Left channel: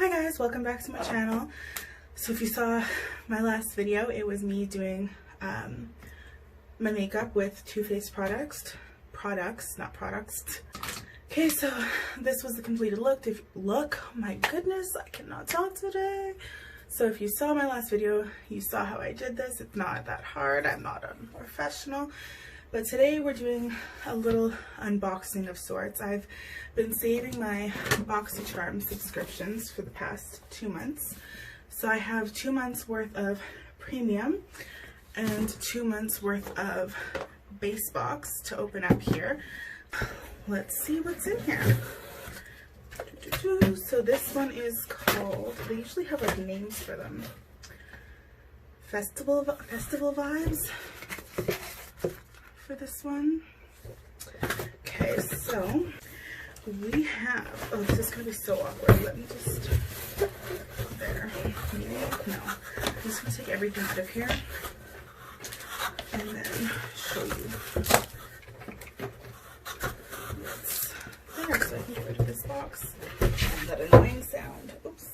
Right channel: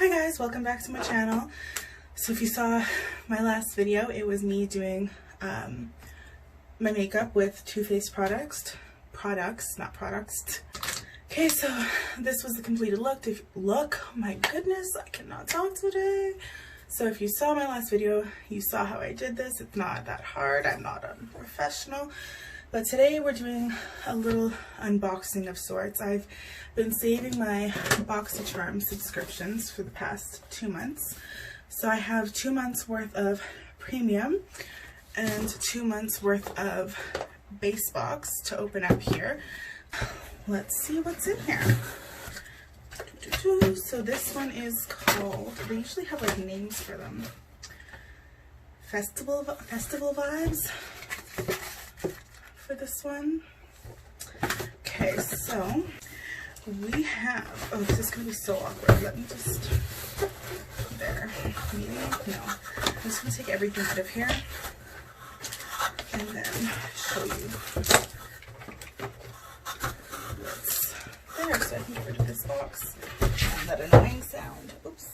Hi guys, welcome back to my channel. So if you saw my last video, it was me doing my makeup with Too Faced products, not products. Okay, so this was the completed look. Oh my goodness, I cannot talk today. So if you saw my last video, you saw how I did this. It's not that hard. I'm not a professional. But today we're doing a little unboxing of sorts. I've been saving my BoxyCharm subscriptions for the past 2 months. So I have 2 months worth of Premium and 2 months worth of base box to open up here. Let's see what's in here. So this one is called, they usually have like names for them. Festival Vibes. For this one. Okay, so we have, oh, this is gonna be so awkward. Let me just, there, maybe, no. I'm just gonna take everything out of here and then show you what's there so I can get rid of this box and that annoying sound. Oops.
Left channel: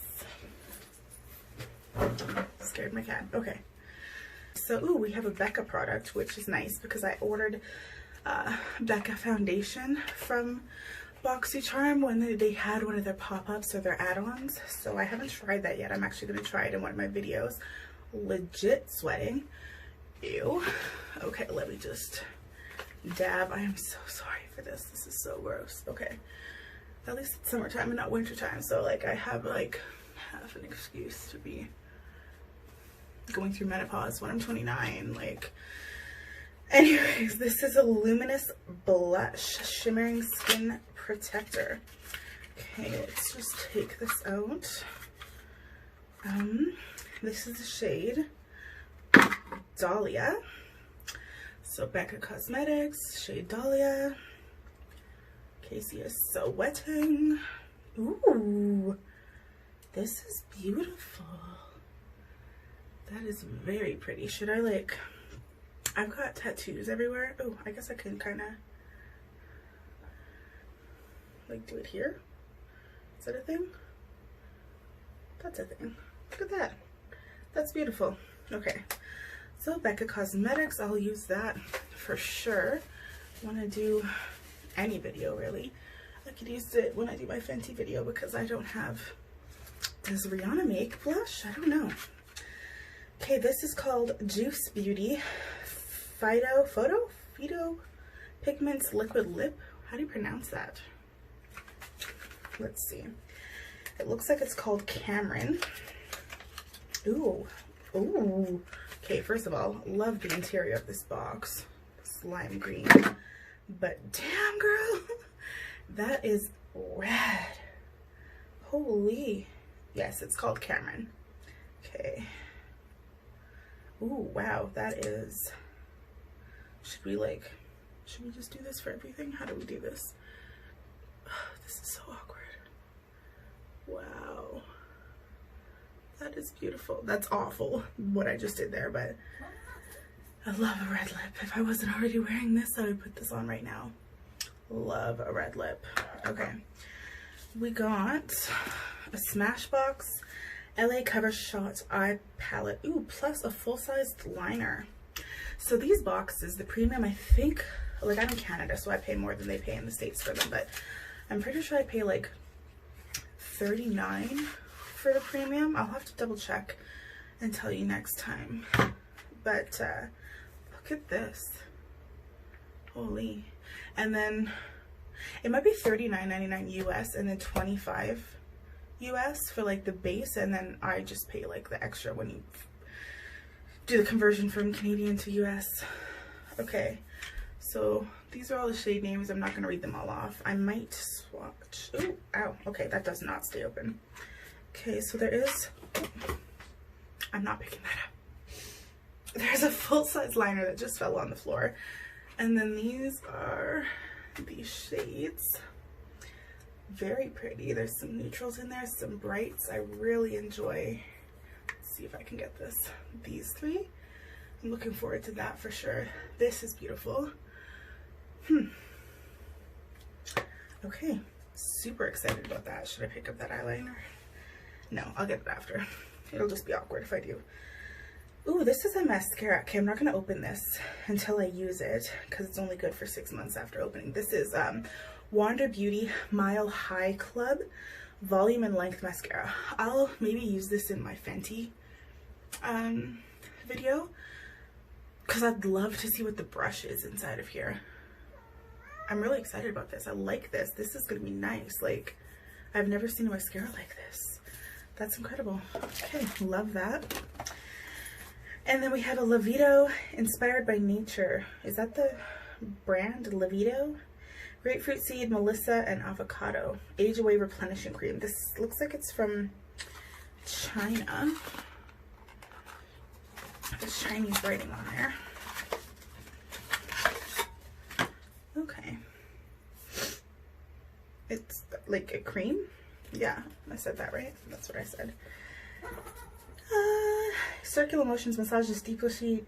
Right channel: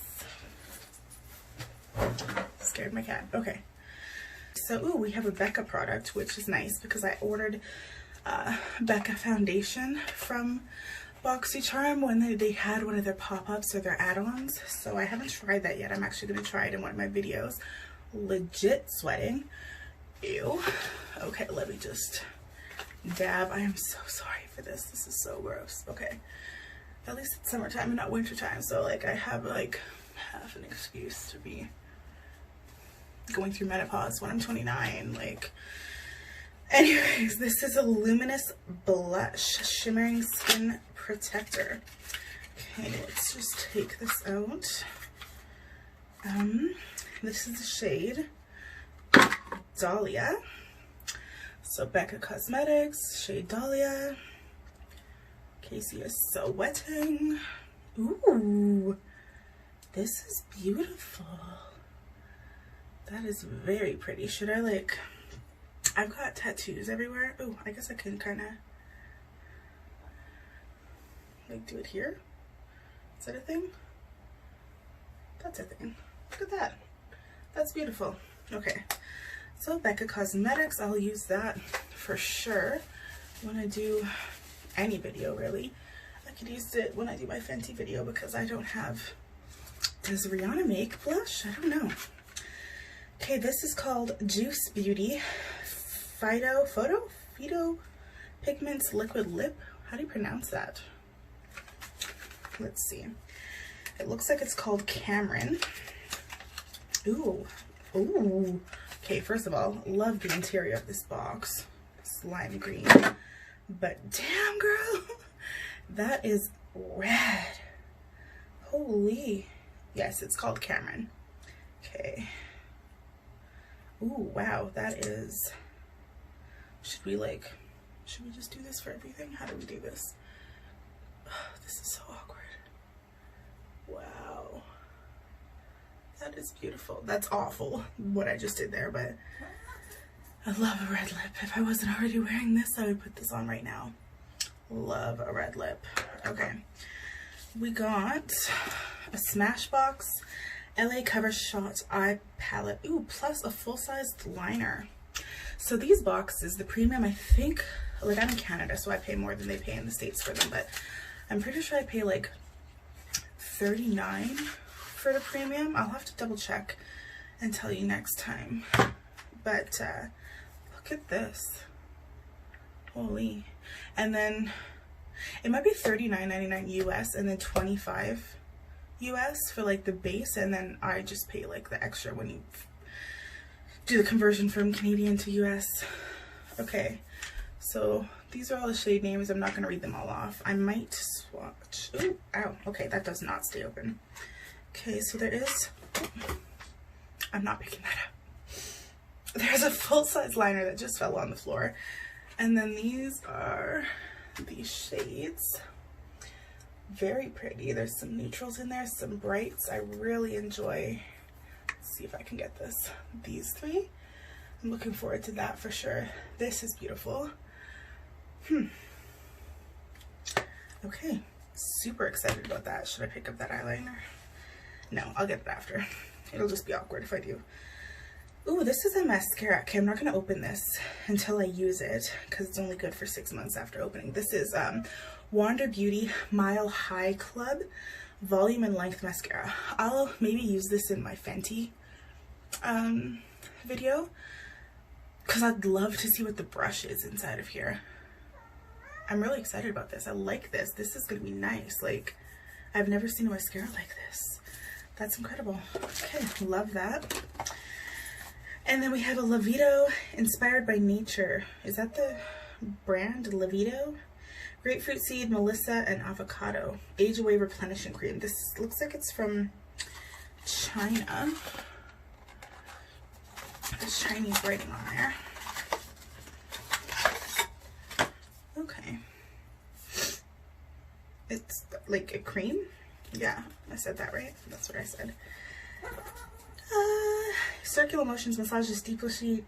Scared my cat. Okay. So, ooh, we have a Becca product, which is nice because I ordered Becca foundation from BoxyCharm when they had one of their pop-ups or their add-ons. So I haven't tried that yet. I'm actually going to try it in one of my videos. Legit sweating. Ew. Okay, let me just dab. I am so sorry for this. This is so gross. Okay. At least it's summertime and not wintertime. So, like, I have, like, half an excuse to be going through menopause when I'm 29. Like, anyways, this is a Luminous blush shimmering skin protector. Okay, let's just take this out. This is the shade Dahlia. So Becca Cosmetics, shade Dahlia. Casey is so wetting. Ooh, this is beautiful. That is very pretty. Should I, like, I've got tattoos everywhere. Oh, I guess I can kind of, like, do it here. Is that a thing? That's a thing. Look at that. That's beautiful. Okay. So, Becca Cosmetics, I'll use that for sure when I do any video, really. I could use it when I do my Fenty video because I don't have, does Rihanna make blush? I don't know. Okay, this is called Juice Beauty Phyto Pigments Liquid Lip. How do you pronounce that? Let's see. It looks like it's called Cameron. Ooh. Ooh. Okay, first of all, love the interior of this box. It's lime green. But damn, girl, that is red. Holy. Yes, it's called Cameron. Okay. Ooh, wow, that is, should we just do this for everything? How do we do this? Oh, this is so awkward. Wow. That is beautiful. That's awful, what I just did there, but I love a red lip. If I wasn't already wearing this, I would put this on right now. Love a red lip. Okay. We got a SmashBox LA Covershot eye palette. Ooh, plus a full-sized liner. So these boxes, the Premium, I think, like, I'm in Canada, so I pay more than they pay in the States for them, but I'm pretty sure I pay like $39 for the Premium. I'll have to double check and tell you next time. But look at this. Holy. And then it might be $39.99 US and then $25 US for like the base, and then I just pay like the extra when you do the conversion from Canadian to US. Okay, so these are all the shade names. I'm not gonna read them all off. I might swatch. Ooh, ow, okay, that does not stay open. Okay, so there is, I'm not picking that up. There's a full-size liner that just fell on the floor, and then these are these shades. Very pretty. There's some neutrals in there, some brights. I really enjoy, let's see if I can get this, these three. I'm looking forward to that for sure. This is beautiful. Okay, super excited about that. Should I pick up that eyeliner? No, I'll get it after. It'll just be awkward if I do. Ooh, this is a mascara. Okay, I'm not gonna open this until I use it because it's only good for 6 months after opening. This is Wander Beauty Mile High Club Volume and Length Mascara. I'll maybe use this in my Fenty video because I'd love to see what the brush is inside of here. I'm really excited about this. I like this. This is gonna be nice. Like, I've never seen a mascara like this. That's incredible. Okay, love that. And then we have a Lavido Inspired by Nature. Is that the brand? Lavido? Grapefruit seed, melissa, and avocado. Age Away Replenishing Cream. This looks like it's from China. There's Chinese writing on there. Okay. It's like a cream? Yeah, I said that right. That's what I said. Circular Motions massages deeply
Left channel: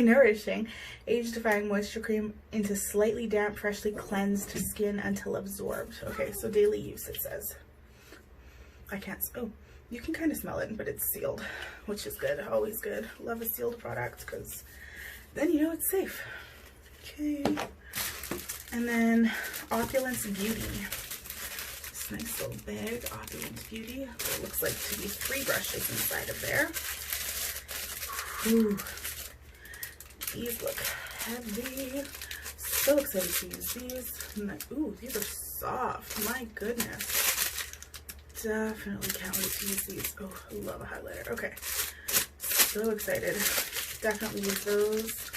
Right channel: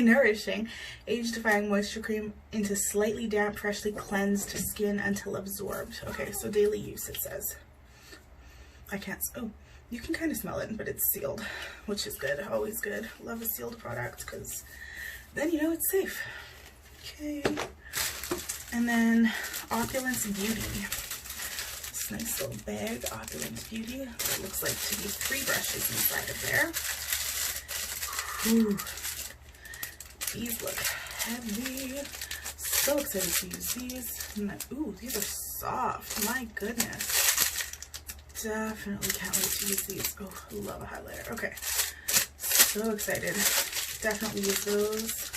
nourishing, age-defying moisture cream into slightly damp, freshly cleansed skin until absorbed. Okay, so daily use it says. I can't. Oh, you can kind of smell it, but it's sealed, which is good. Always good. Love a sealed product because then you know it's safe. Okay, and then Opulance Beauty. Nice little bag, Opulance Beauty. It looks like to be 3 brushes inside of there. Ooh, these look heavy. So excited to use these. Ooh, these are soft. My goodness. Definitely can't wait to use these. Oh, I love a highlighter. Okay, so excited. Definitely use those.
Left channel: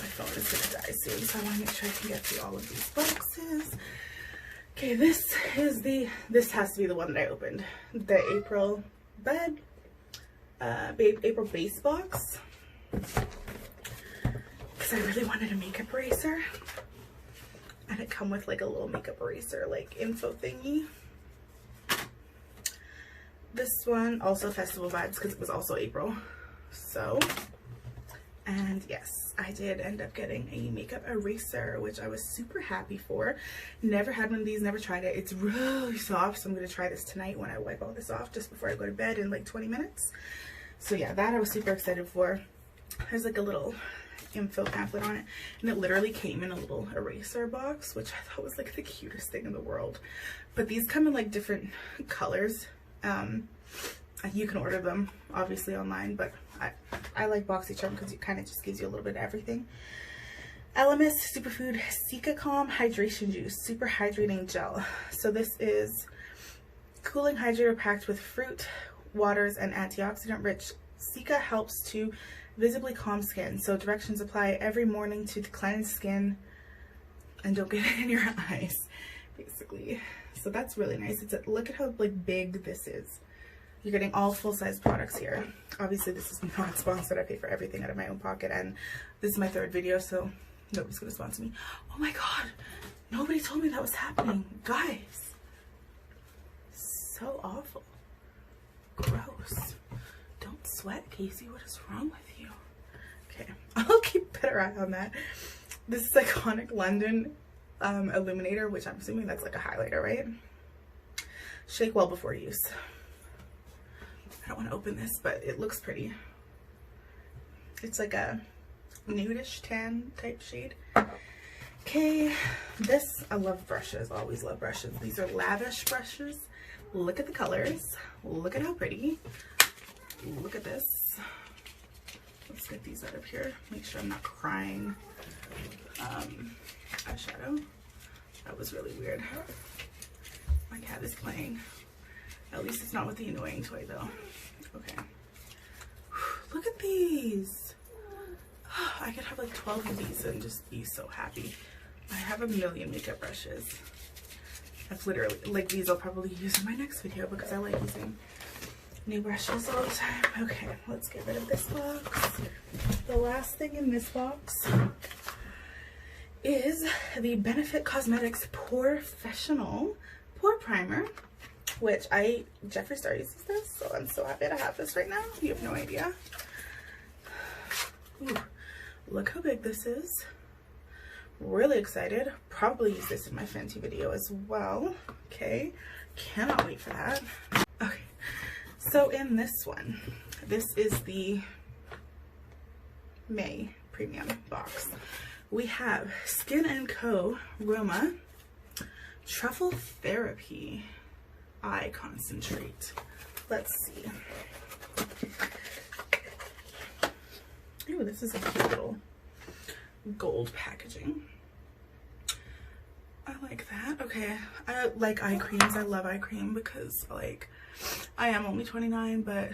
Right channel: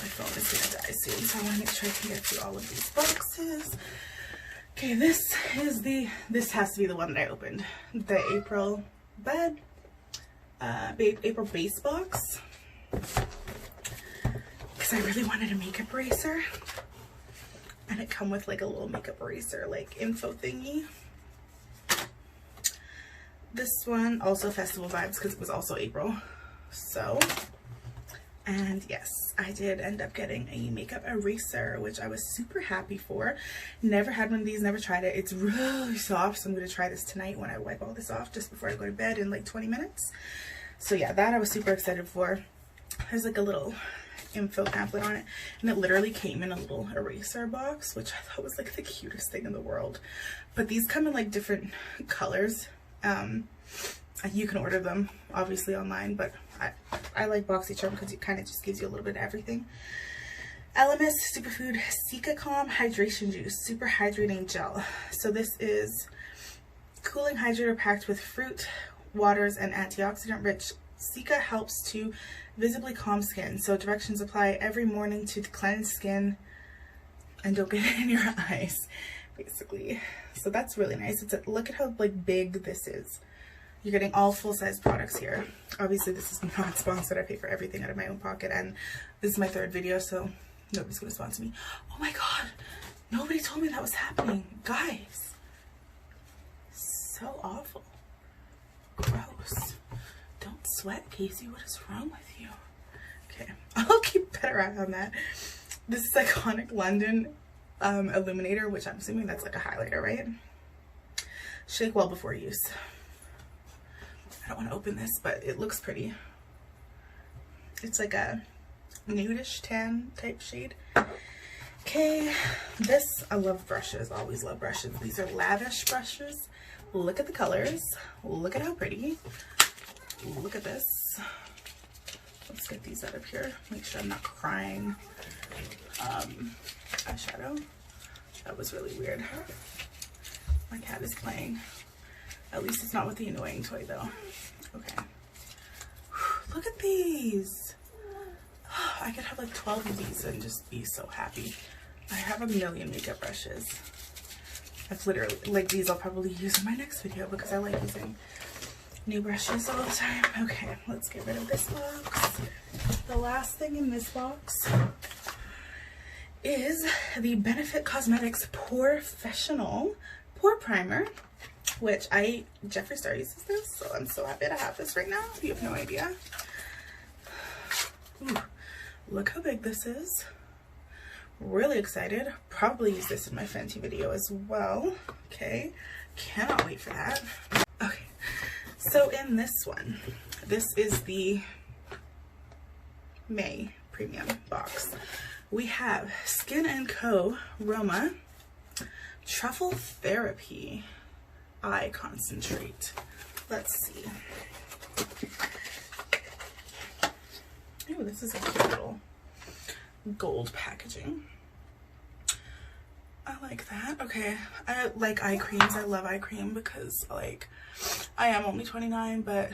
My phone is gonna die soon, so I want to make sure I can get through all of these boxes. Okay, this has to be the one that I opened. The April base box. Because I really wanted a makeup eraser. And it come with like a little makeup eraser like info thingy. This one also festival vibes because it was also April. So, and yes, I did end up getting a makeup eraser, which I was super happy for. Never had one of these, never tried it. It's really soft, so I'm going to try this tonight when I wipe all this off just before I go to bed in like 20 minutes. So yeah, that I was super excited for. There's like a little info pamphlet on it, and it literally came in a little eraser box, which I thought was like the cutest thing in the world. But these come in like different colors. You can order them obviously online, but I like BoxyCharm because it kind of just gives you a little bit of everything. Elemis Superfood Cica Calm Hydration Juice Super Hydrating Gel. So this is cooling hydrator packed with fruit, waters, and antioxidant rich. Cica helps to visibly calm skin. So directions apply every morning to cleanse skin and don't get it in your eyes, basically. So that's really nice. Look at how like big this is. You're getting all full-size products here. Obviously, this is not sponsored. I pay for everything out of my own pocket, and this is my 3rd video, so nobody's gonna sponsor me. Oh my god, nobody told me that was happening, guys. So awful. Gross. Don't sweat, Casey. What is wrong with you? Okay, I'll keep a better eye on that. This is Iconic London Illuminator, which I'm assuming that's like a highlighter, right? Shake well before use. I don't want to open this, but it looks pretty. It's like a nudish tan type shade. Okay, this, I love brushes, always love brushes. These are Lavish brushes. Look at the colors. Look at how pretty. Look at this. Let's get these out of here. Make sure I'm not crying. Eyeshadow. That was really weird. My cat is playing. At least it's not with the annoying toy though. Okay. Look at these. I could have like 12 of these and just be so happy. I have a million makeup brushes. I've literally, like these I'll probably use in my next video because I like using new brushes all the time. Okay, let's get rid of this box. The last thing in this box is the Benefit Cosmetics PoreFessional Pore Primer, which Jeffree Star uses this, so I'm so happy to have this right now. You have no idea. Ooh, look how big this is. Really excited. Probably use this in my Fenty video as well. Okay, Cannot wait for that. Okay, so in this one, this is the May premium box. We have Skin&Co Roma Truffle Therapy Eye Concentrate. Let's see. Ooh, this is a cute little gold packaging. I like that. Okay, I like eye creams. I love eye cream because, like, I am only 29, but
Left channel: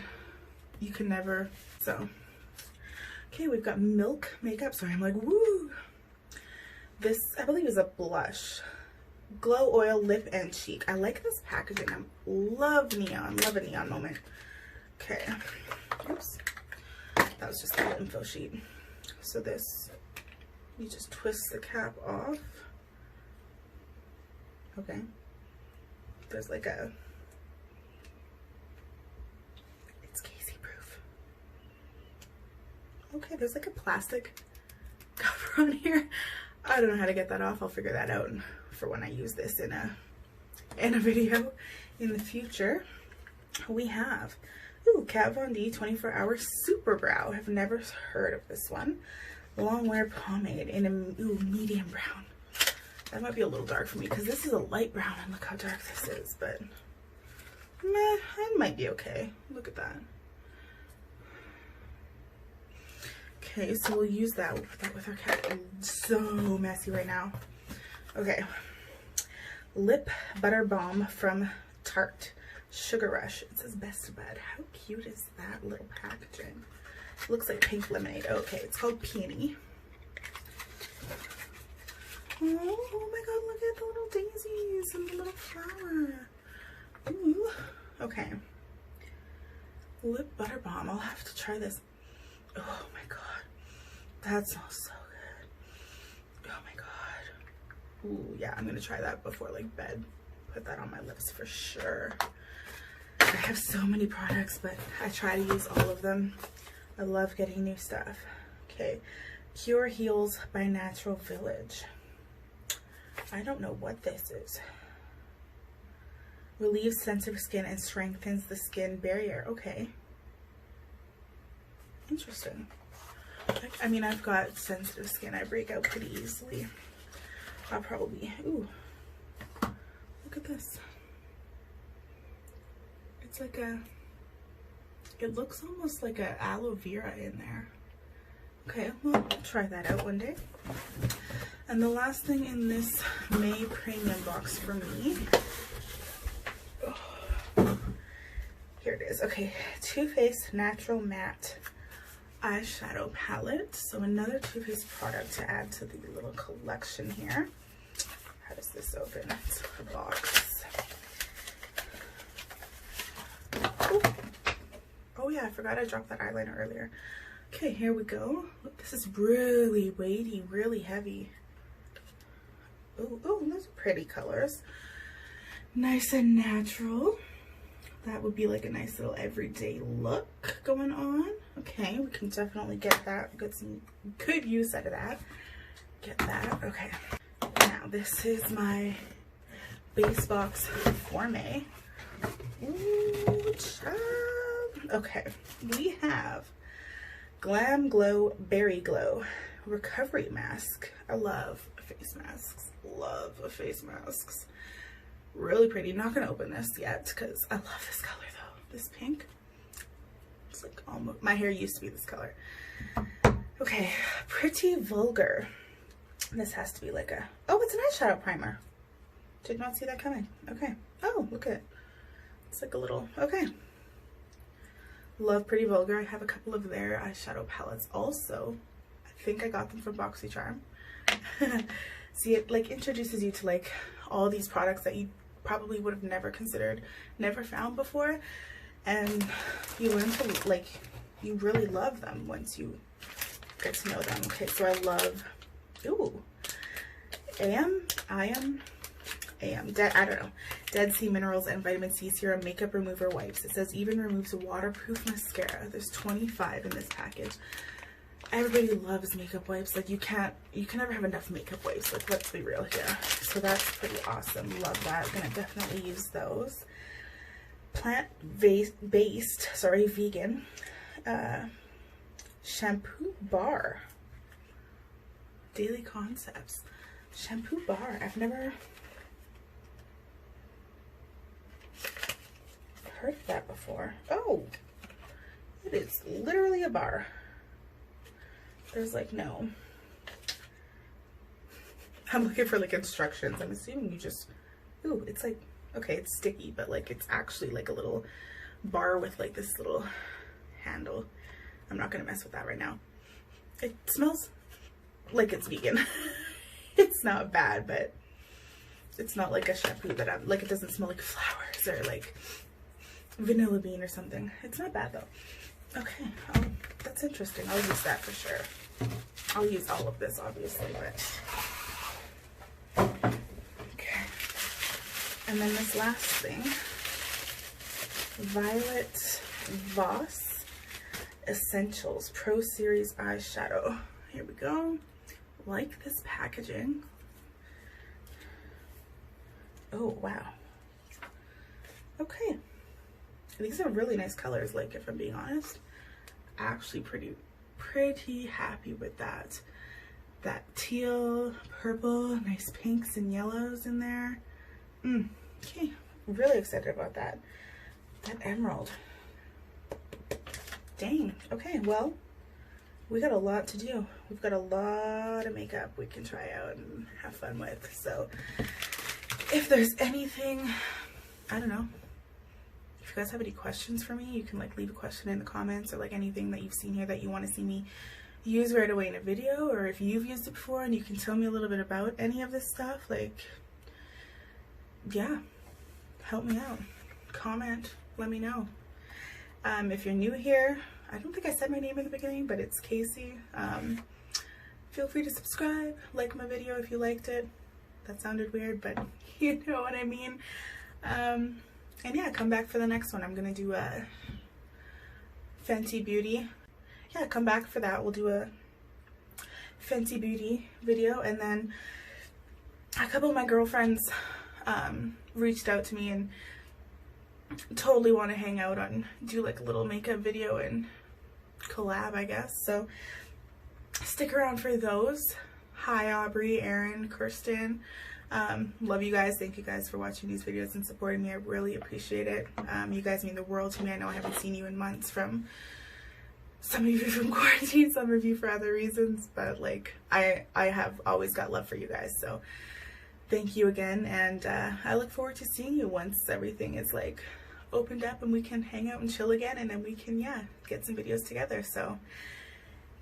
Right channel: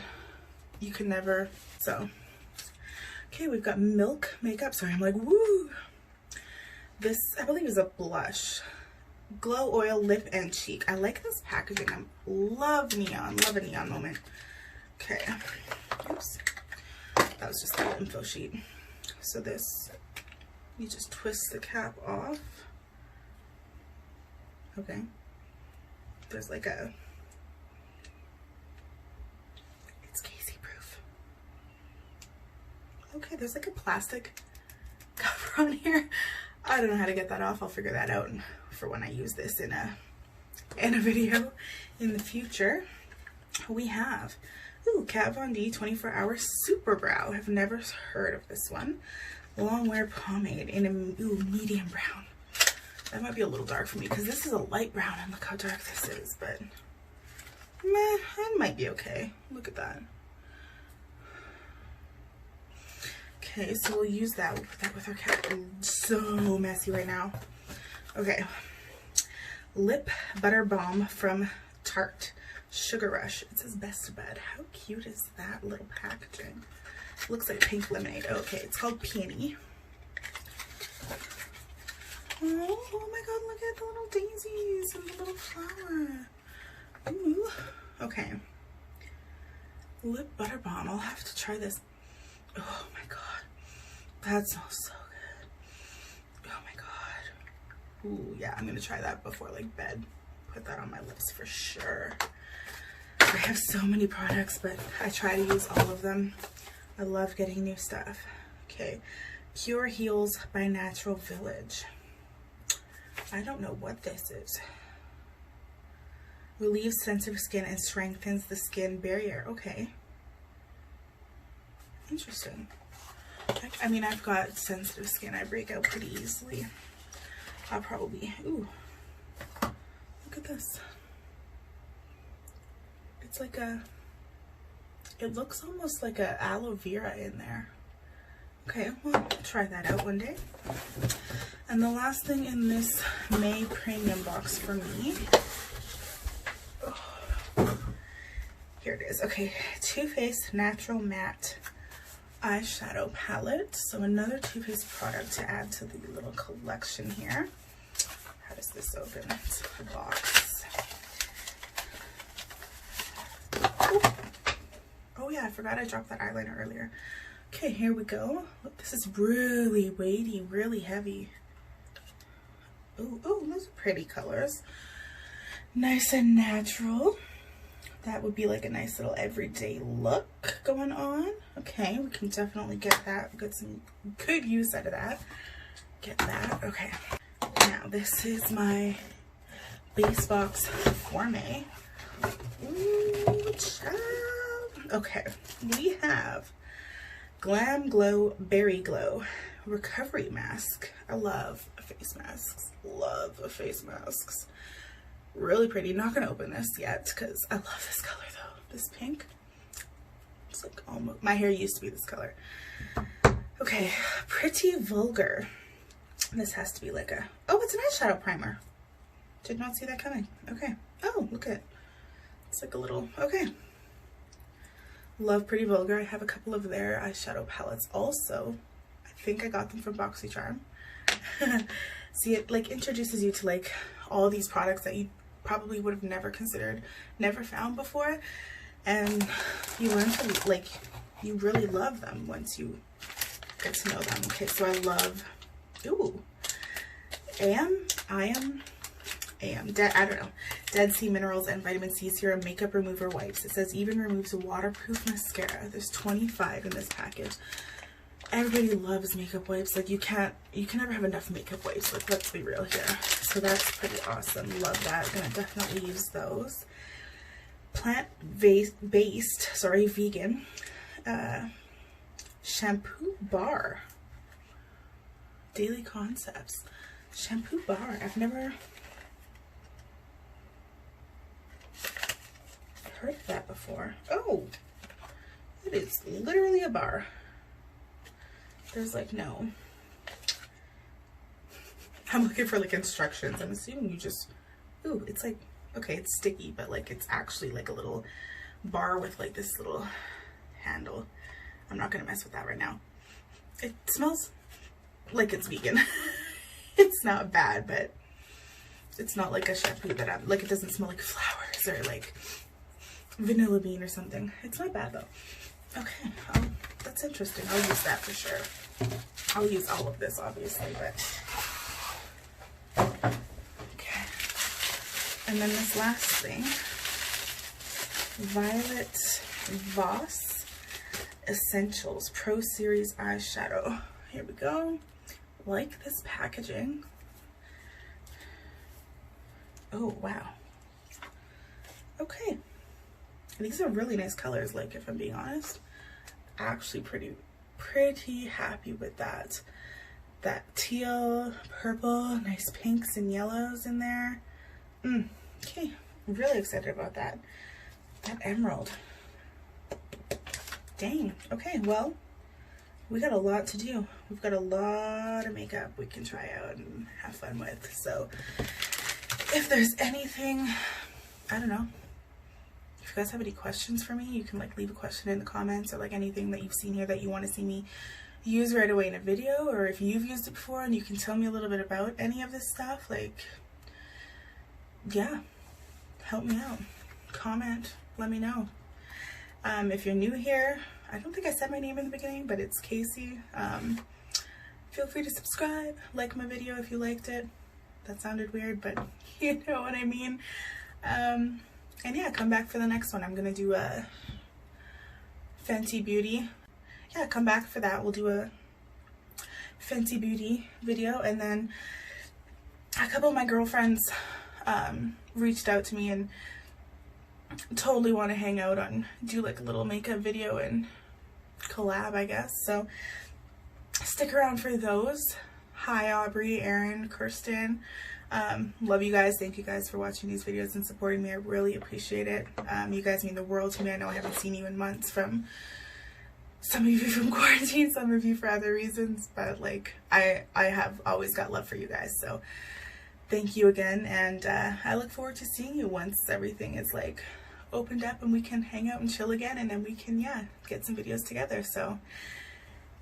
you can never, so. Okay, we've got Milk Makeup. Sorry, I'm like, woo. This, I believe, is a blush. Glow Oil Lip and Cheek. I like this packaging. I love neon. Love a neon moment. Okay. Oops. That was just a little info sheet. So this, you just twist the cap off. Okay. There's like a, it's Casey proof. Okay, there's like a plastic cover on here. I don't know how to get that off. I'll figure that out for when I use this in a video in the future. We have, ooh, Kat Von D 24-hour Super Brow. I've never heard of this one. Long wear pomade in a medium brown. That might be a little dark for me because this is a light brown and look how dark this is, but meh, it might be okay. Look at that. Okay, so we'll use that. We'll put that with our cat. It's so messy right now. Okay. Lip Butter Balm from Tarte. Sugar Rush. It says Best Bud. How cute is that little packaging? It looks like pink lemonade. Okay, it's called Peony. Oh my god, look at the little daisies and the little flower. Ooh. Okay. Lip Butter Balm. I'll have to try this. Oh my god. That smells so good. Oh my god. Ooh, yeah, I'm gonna try that before like bed. Put that on my lips for sure. I have so many products, but I try to use all of them. I love getting new stuff. Okay. Pure Heals by Natural Village. I don't know what this is. Relieves sensitive skin and strengthens the skin barrier. Okay. Interesting. I mean, I've got sensitive skin. I break out pretty easily. I'll probably, ooh, look at this. It's like a, it looks almost like a aloe vera in there. Okay, well, I'll try that out one day. And the last thing in this May premium box for me, oh, here it is. Okay, Too Faced Natural Matte Eyeshadow Palette. So another Too Faced product to add to the little collection here. How does this open? It's a box. Ooh. Oh yeah, I forgot I dropped that eyeliner earlier. Okay, here we go. Look, this is really weighty, really heavy. Ooh, ooh, those are pretty colors. Nice and natural. That would be like a nice little everyday look going on. Okay, we can definitely get that. Get some good use out of that. Get that. Okay. Now, this is my base box for May. Ooh, child. Okay, we have GlamGlow Berry Glow Recovery Mask. I love face masks. Love face masks. Really pretty. Not gonna open this yet because I love this color though. This pink. It's like almost, my hair used to be this color. Okay, Pretty Vulgar. This has to be like a, oh, it's an eyeshadow primer. Did not see that coming. Okay. Oh, look at it. It's like a little, okay. Love Pretty Vulgar. I have a couple of their eyeshadow palettes also. I think I got them from BoxyCharm. See, it like introduces you to like all these products that you probably would have never considered, never found before, and you learn to like, you really love them once you get to know them. Okay, so I love, ooh, AYAM, I don't know, Dead Sea Minerals and Vitamin C Serum Makeup Remover Wipes. It says even removes waterproof mascara. There's 25 in this package. everybody loves makeup wipes. Like you can never have enough makeup wipes. Like let's be real here. So that's pretty awesome. Love that. Gonna definitely use those. Plant-based, sorry, vegan shampoo bar. Daily Concepts shampoo bar. I've never heard of that before. Oh, it is literally a bar. There's like no, I'm looking for like instructions. I'm assuming you just, ooh, it's like, okay, it's sticky, but like it's actually like a little bar with like this little handle. I'm not gonna mess with that right now. It smells like it's vegan. It's not bad, but it's not like a shampoo that I'm like, it doesn't smell like flowers or like vanilla bean or something. It's not bad though. Okay, that's interesting. I'll use that for sure. I'll use all of this obviously, but okay. And then this last thing, Violet Voss Essentials Pro Series Eyeshadow. Here we go. Like this packaging. Oh wow. Okay. These are really nice colors, like if I'm being honest. Actually pretty happy with that. That teal, purple, nice pinks and yellows in there. Okay, really excited about that. That emerald. Dang, okay, well, we got a lot to do. We've got a lot of makeup we can try out and have fun with. So if there's anything, I don't know, if you guys have any questions for me, you can like leave a question in the comments, or like anything that you've seen here that you want to see me use right away in a video, or if you've used it before and you can tell me a little bit about any of this stuff, like, yeah, help me out. Comment, let me know. If you're new here, I don't think I said my name in the beginning, but it's Casey. Feel free to subscribe, like my video if you liked it. That sounded weird, but you know what I mean. And yeah, come back for the next one. I'm gonna do a Fenty Beauty. Yeah, come back for that. We'll do a Fenty Beauty video. And then a couple of my girlfriends reached out to me and totally want to hang out and do like a little makeup video and collab, I guess. So stick around for those. Hi Aubrey, Erin, Kirsten. Love you guys. Thank you guys for watching these videos and supporting me. I really appreciate it. You guys mean the world to me. I know I haven't seen you in months, from some of you from quarantine, some of you for other reasons, but like I have always got love for you guys. So thank you again, and I look forward to seeing you once everything is like opened up and we can hang out and chill again, and then we can, yeah, get some videos together. So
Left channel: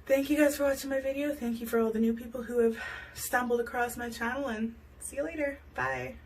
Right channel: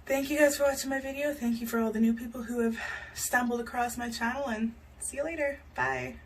thank you guys for watching my video. Thank you for all the new people who have stumbled across my channel, and see you later. Bye.